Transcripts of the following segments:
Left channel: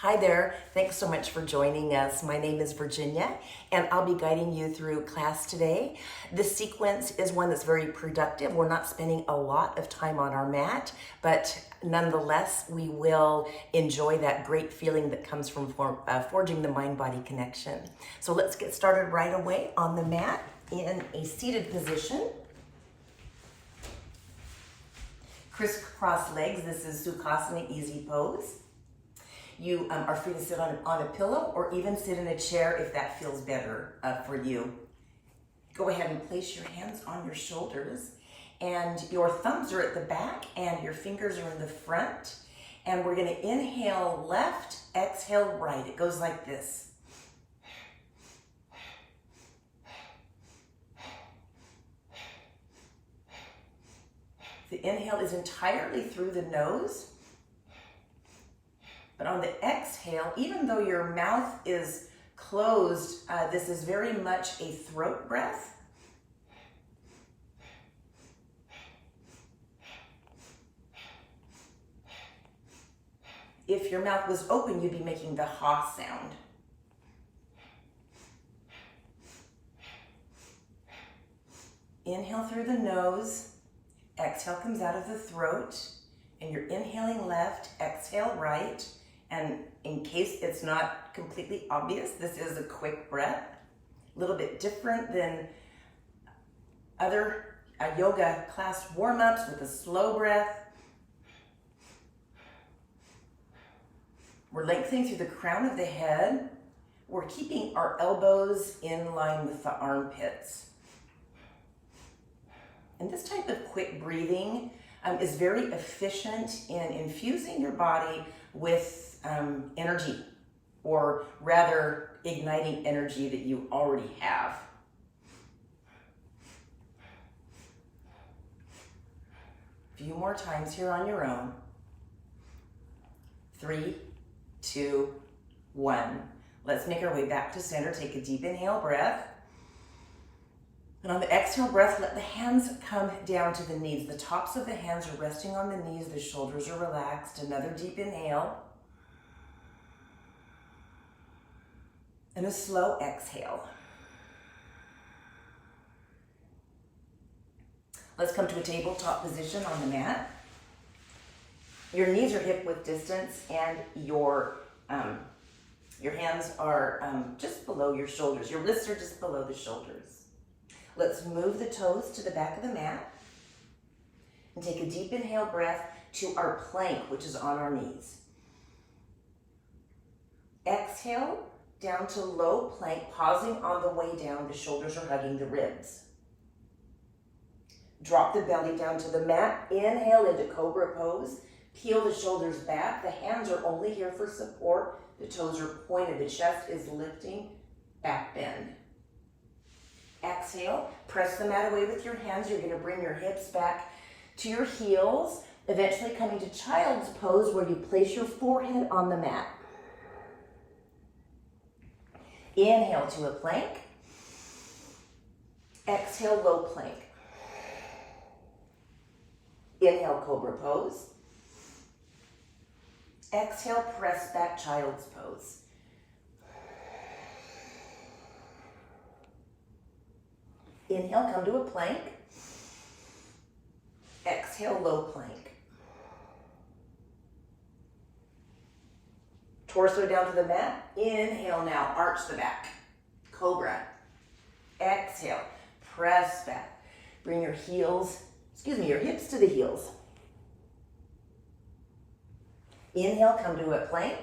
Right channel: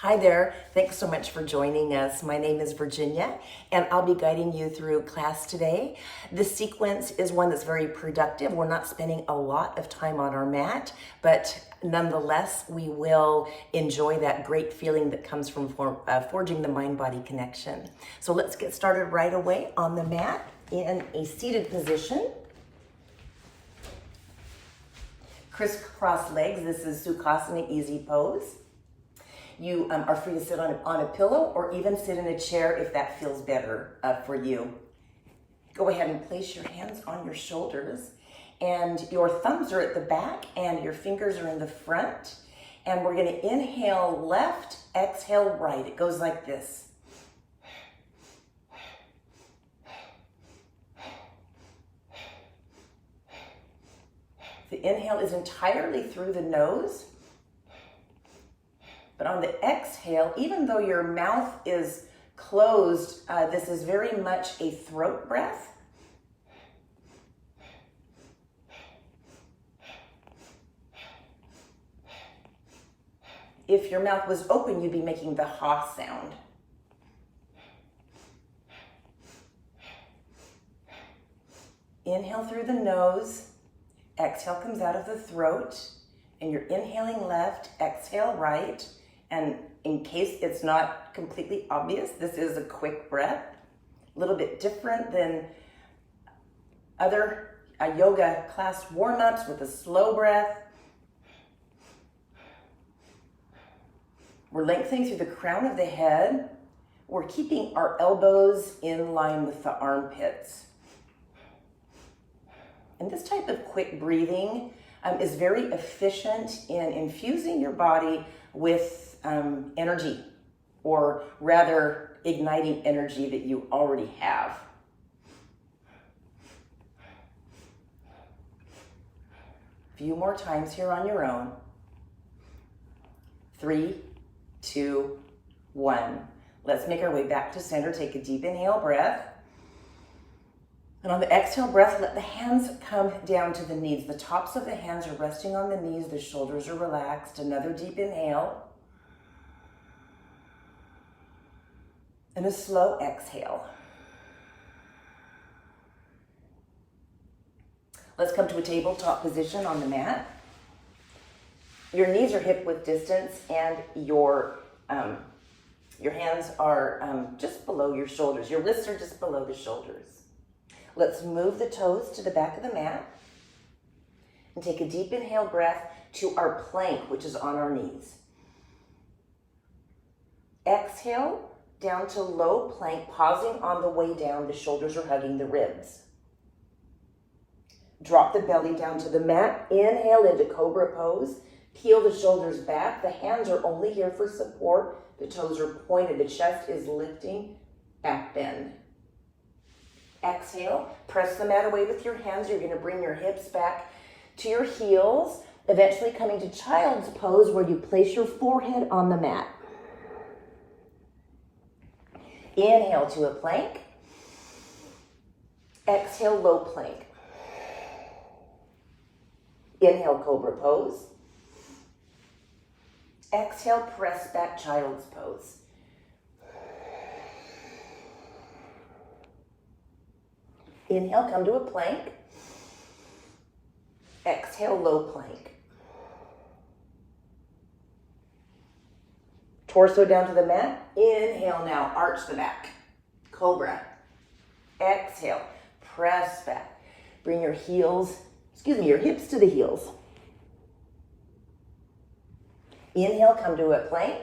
Hi there, thanks so much for joining us. My name is Virginia and I'll be guiding you through class today. This sequence is one that's very productive. We're not spending a lot of time on our mat, but nonetheless, we will enjoy that great feeling that comes from forging the mind-body connection. So let's get started right away on the mat in a seated position. Crisscross legs, this is Sukhasana easy pose. You are free to sit on a pillow or even sit in a chair if that feels better for you. Go ahead and place your hands on your shoulders and your thumbs are at the back and your fingers are in the front. And we're gonna inhale left, exhale right. It goes like this. The inhale is entirely through the nose. But on the exhale, even though your mouth is closed, this is very much a throat breath. If your mouth was open, you'd be making the ha sound. Inhale through the nose, exhale comes out of the throat, and you're inhaling left, exhale right. And in case it's not completely obvious, this is a quick breath, a little bit different than other yoga class warm-ups with a slow breath. We're lengthening through the crown of the head. We're keeping our elbows in line with the armpits. And this type of quick breathing is very efficient in infusing your body with energy, or rather igniting energy that you already have. A few more times here on your own. 3, 2, 1. Let's make our way back to center. Take a deep inhale breath. And on the exhale breath, let the hands come down to the knees. The tops of the hands are resting on the knees. The shoulders are relaxed. Another deep inhale. And a slow exhale. Let's come to a tabletop position on the mat. Your knees are hip width distance and your hands are just below your shoulders. Your wrists are just below the shoulders. Let's move the toes to the back of the mat and take a deep inhale breath to our plank, which is on our knees. Exhale down to low plank, pausing on the way down. The shoulders are hugging the ribs. Drop the belly down to the mat. Inhale into Cobra pose. Peel the shoulders back. The hands are only here for support. The toes are pointed. The chest is lifting. Back bend. Exhale. Press the mat away with your hands. You're going to bring your hips back to your heels, eventually coming to child's pose where you place your forehead on the mat. Inhale to a plank. Exhale, low plank. Inhale, Cobra pose. Exhale, press back, child's pose. Inhale, come to a plank. Exhale, low plank. Torso down to the mat. Inhale now, arch the back. Cobra. Exhale, press back. Bring your your hips to the heels. Inhale, come to a plank.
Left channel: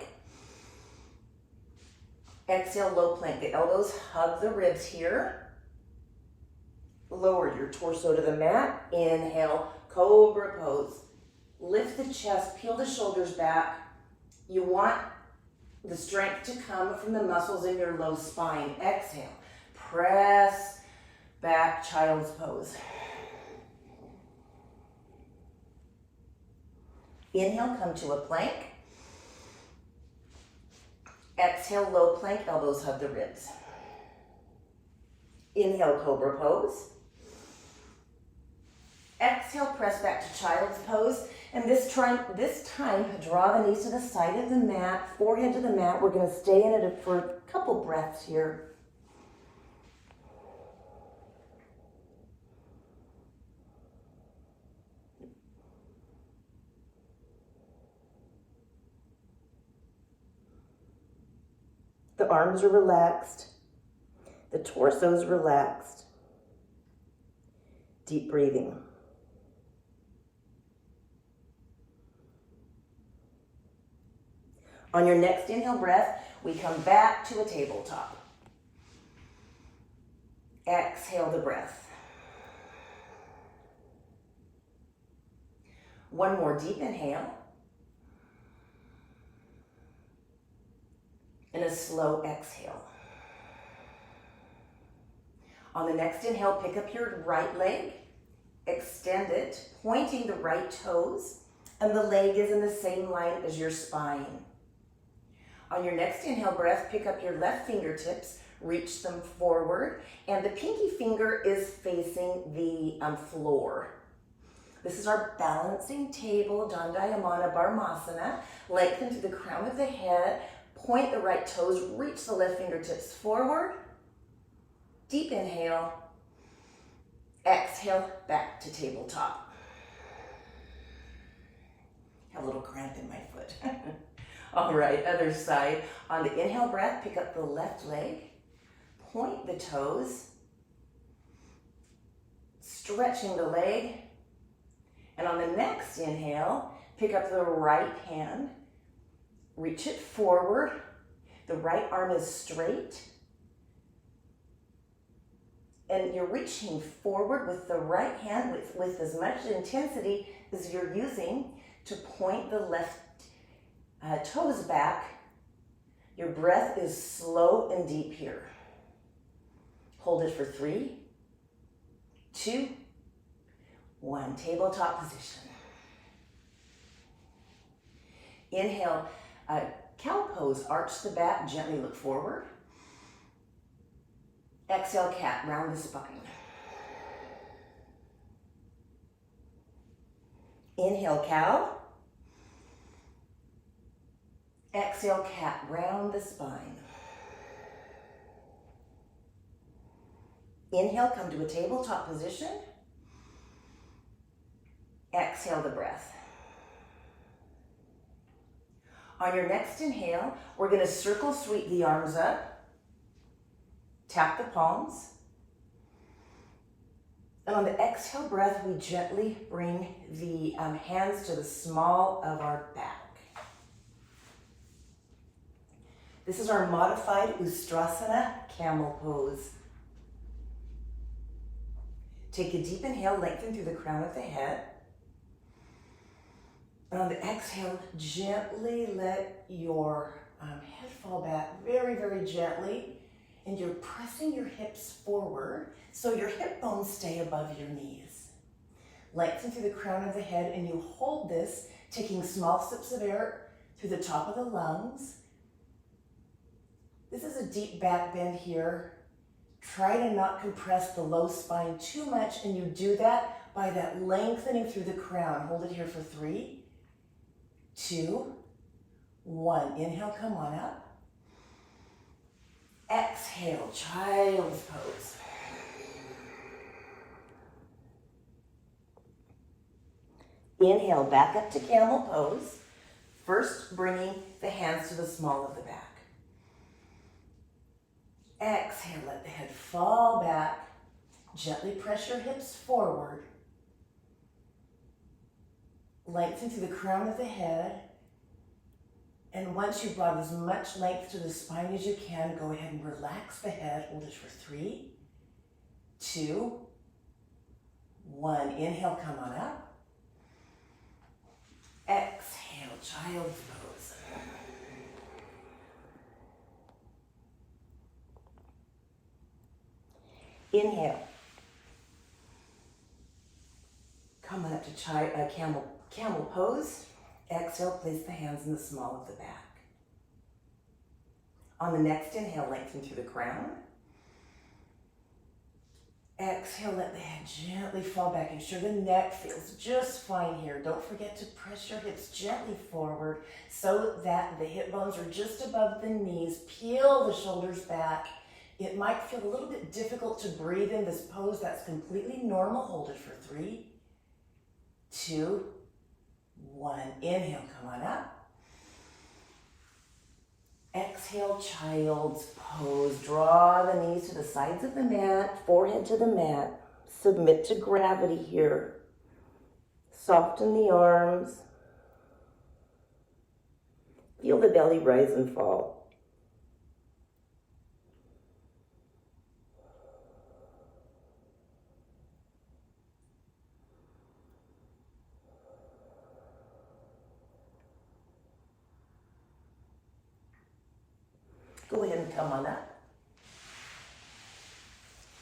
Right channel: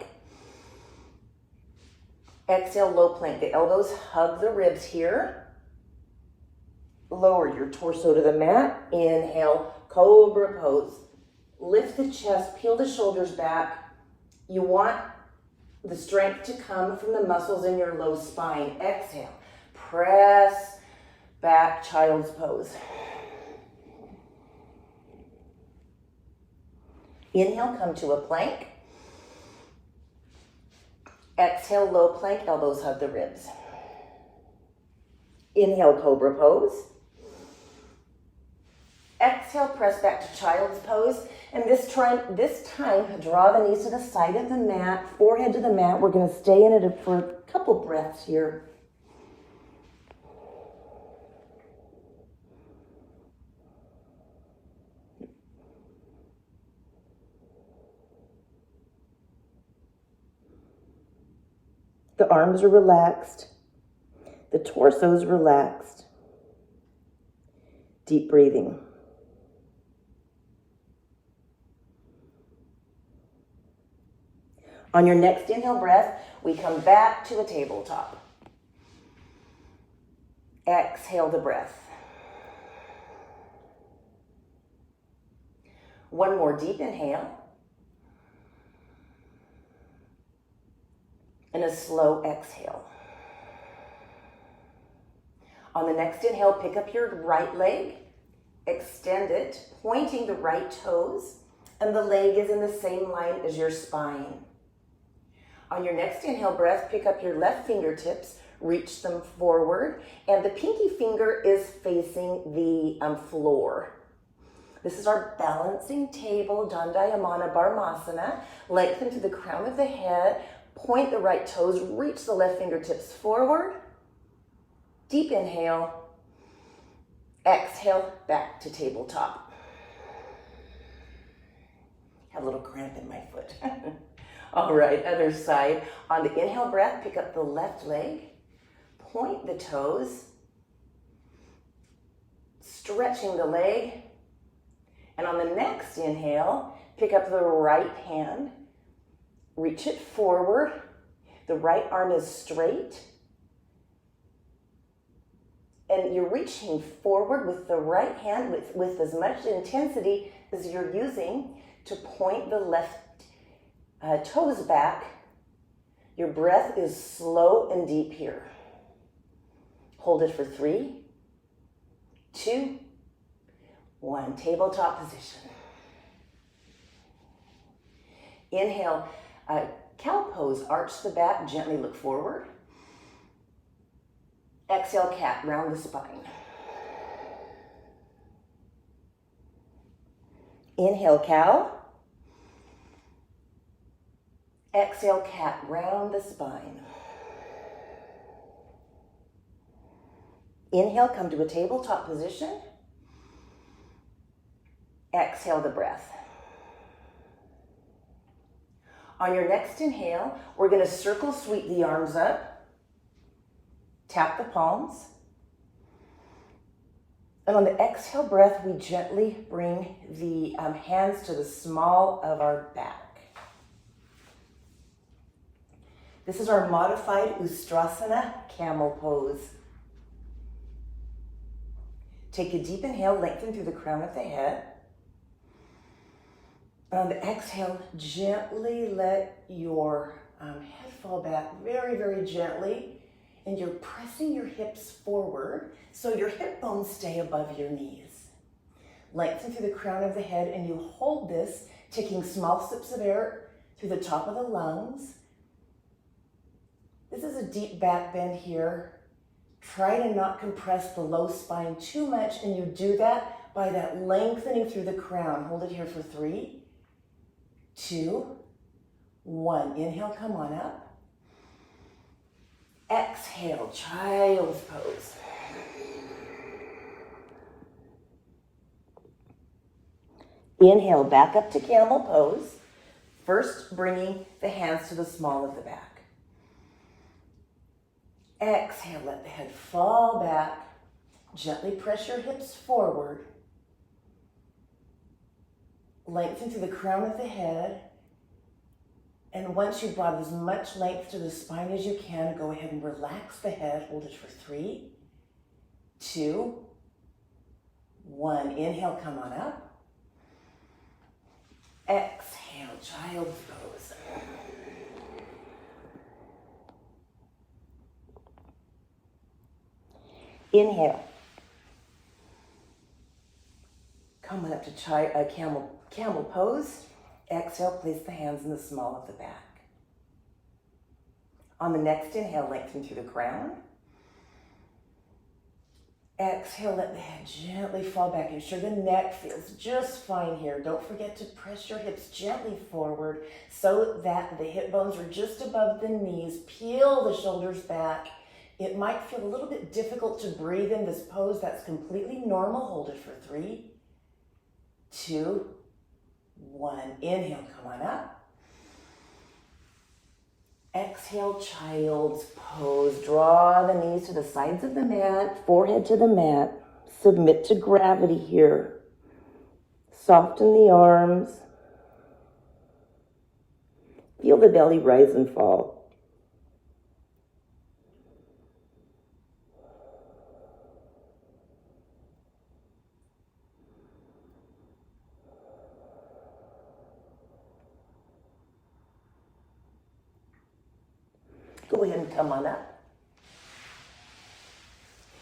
Exhale, low plank. The elbows hug the ribs here. Lower your torso to the mat. Inhale, Cobra pose. Lift the chest, peel the shoulders back. You want the strength to come from the muscles in your low spine. Exhale, press back, child's pose. Inhale, come to a plank. Exhale, low plank, elbows hug the ribs. Inhale, Cobra pose. Exhale, press back to child's pose. And this time, draw the knees to the side of the mat, forehead to the mat. We're going to stay in it for a couple breaths here. The arms are relaxed. The torso is relaxed. Deep breathing. On your next inhale breath, we come back to a tabletop. Exhale the breath. One more deep inhale. And a slow exhale. On the next inhale, pick up your right leg, extend it, pointing the right toes, and the leg is in the same line as your spine. On your next inhale breath, pick up your left fingertips, reach them forward, and the pinky finger is facing the floor. This is our balancing table, Dandayamana Barmasana. Lengthen through the crown of the head, point the right toes, reach the left fingertips forward. Deep inhale. Exhale, back to tabletop. Have a little cramp in my foot. All right, other side. On the inhale breath, pick up the left leg, point the toes, stretching the leg. And on the next inhale, pick up the right hand, reach it forward. The right arm is straight. And you're reaching forward with the right hand with as much intensity as you're using to point the left toes back. Your breath is slow and deep here. Hold it for 3, 2, 1. Tabletop position. Inhale, cow pose. Arch the back, gently look forward. Exhale, cat, round the spine. Inhale, cow. Exhale, cat, round the spine. Inhale, come to a tabletop position. Exhale the breath. On your next inhale, we're going to circle sweep the arms up. Tap the palms. And on the exhale breath, we gently bring the hands to the small of our back. This is our modified Ustrasana camel pose. Take a deep inhale, lengthen through the crown of the head. And on the exhale, gently let your head fall back very, very gently. And you're pressing your hips forward so your hip bones stay above your knees. Lengthen through the crown of the head and you hold this, taking small sips of air through the top of the lungs. This is a deep back bend here. Try to not compress the low spine too much, and you do that by that lengthening through the crown. Hold it here for 3, 2, 1. Inhale, come on up. Exhale, child's pose. Inhale, back up to camel pose. First, bringing the hands to the small of the back. Exhale, let the head fall back. Gently press your hips forward. Lengthen through the crown of the head. And once you've brought as much length to the spine as you can, go ahead and relax the head. Hold it for 3, 2, 1. Inhale, come on up. Exhale, child's pose. Inhale. Come on up to camel pose. Exhale, place the hands in the small of the back. On the next inhale, lengthen through the crown. Exhale, let the head gently fall back. Ensure the neck feels just fine here. Don't forget to press your hips gently forward so that the hip bones are just above the knees. Peel the shoulders back. It might feel a little bit difficult to breathe in this pose. That's completely normal. Hold it for 3, 2, 1. Inhale, come on up. Exhale, child's pose. Draw the knees to the sides of the mat, forehead to the mat. Submit to gravity here. Soften the arms. Feel the belly rise and fall. Go ahead and come on up.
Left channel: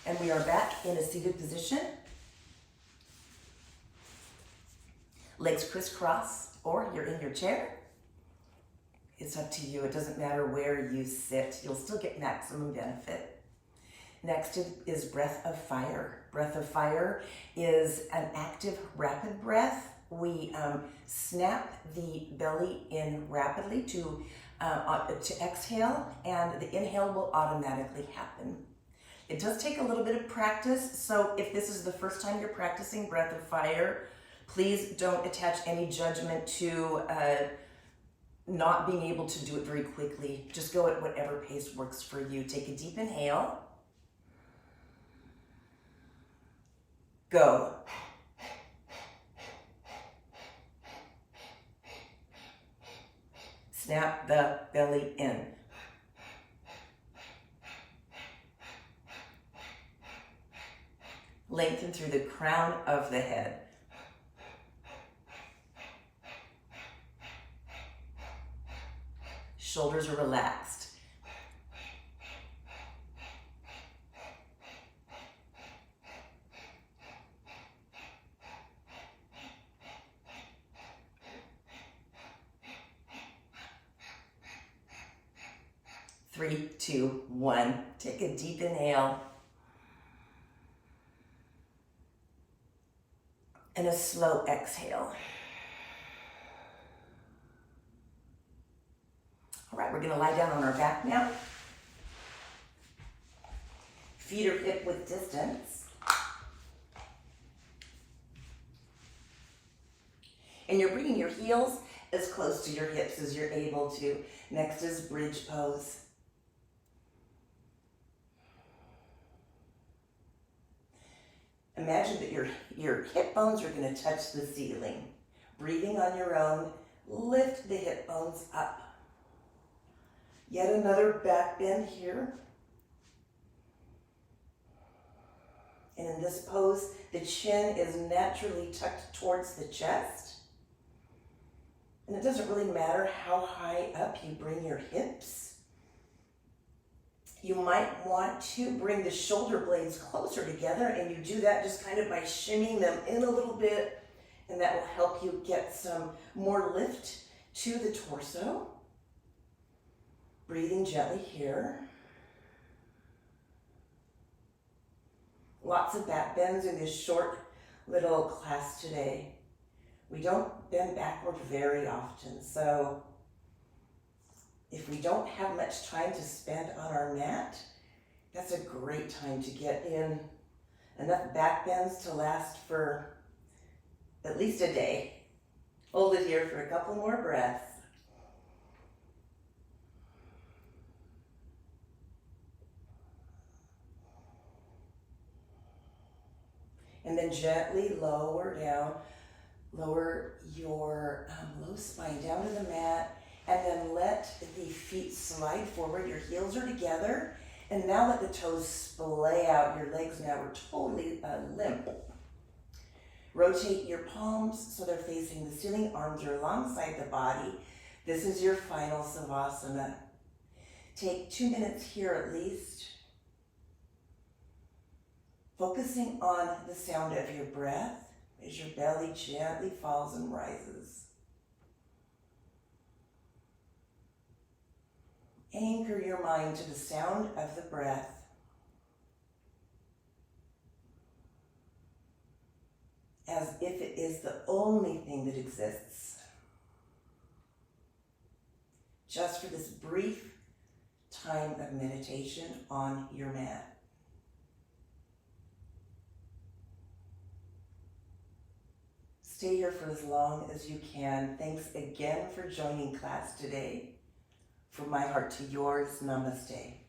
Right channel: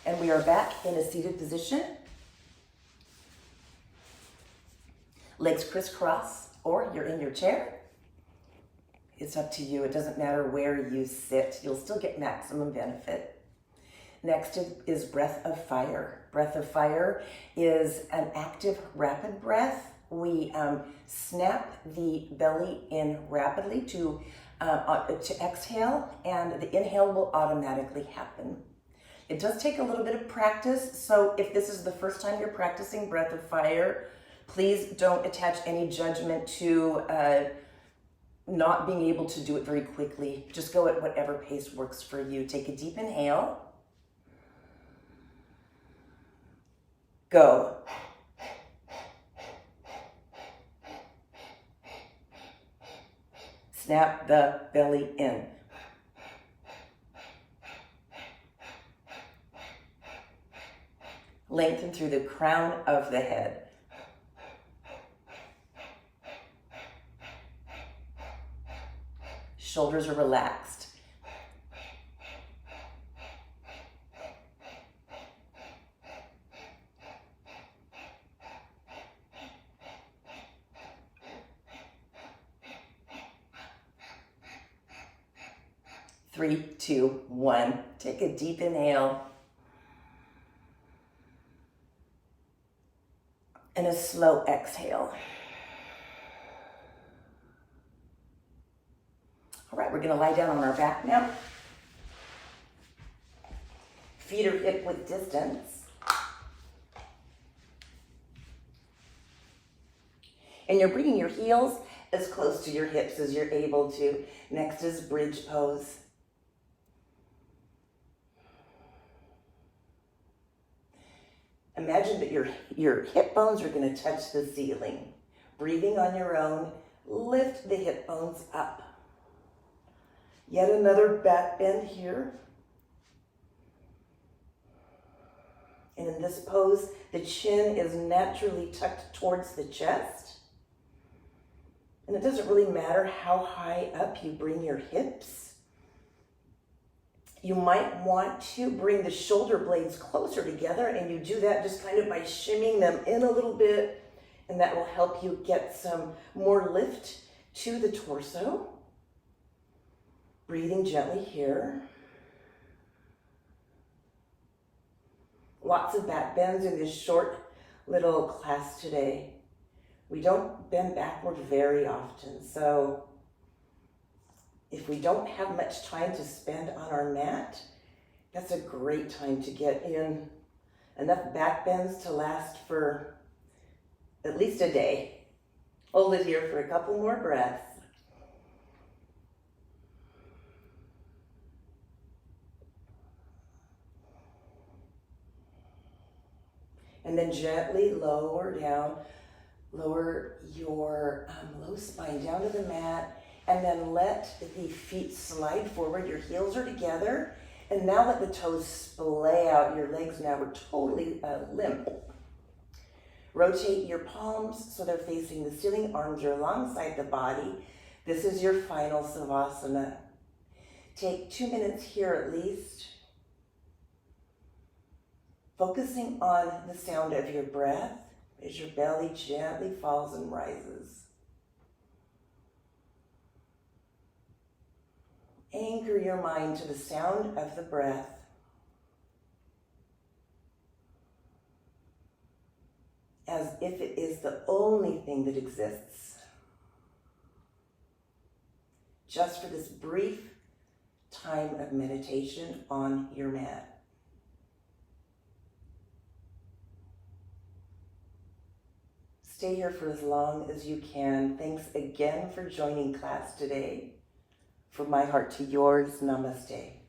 And we are back in a seated position. Legs crisscross, or you're in your chair. It's up to you. It doesn't matter where you sit. You'll still get maximum benefit. Next is breath of fire. Breath of fire is an active, rapid breath. We snap the belly in rapidly to exhale, and the inhale will automatically happen. It does take a little bit of practice, so if this is the first time you're practicing breath of fire, please don't attach any judgment to not being able to do it very quickly. Just go at whatever pace works for you. Take a deep inhale. Go. Snap the belly in. Lengthen through the crown of the head. Shoulders are relaxed. Three, 2, 1. Take a deep inhale. And a slow exhale. All right, we're gonna lie down on our back now. Feet are hip width distance. And you're bringing your heels as close to your hips as you're able to. Next is bridge pose. Imagine that your hip bones are going to touch the ceiling. Breathing on your own, lift the hip bones up. Yet another back bend here. And in this pose, the chin is naturally tucked towards the chest. And it doesn't really matter how high up you bring your hips. You might want to bring the shoulder blades closer together, and you do that just kind of by shimmying them in a little bit, and that will help you get some more lift to the torso. Breathing gently here. Lots of back bends in this short little class today. We don't bend backward very often, so if we don't have much time to spend on our mat, that's a great time to get in enough back bends to last for at least a day. Hold it here for a couple more breaths. And then gently lower down, lower your low spine down to the mat, and then let the feet slide forward. Your heels are together, and now let the toes splay out. Your legs now are totally limp. Rotate your palms so they're facing the ceiling, arms are alongside the body. This is your final Savasana. Take 2 minutes here at least, focusing on the sound of your breath as your belly gently falls and rises. Anchor your mind to the sound of the breath. only thing that exists. Just for this brief time of meditation on your mat. Stay here for as long as you can. Thanks again for joining class today. From my heart to yours, namaste.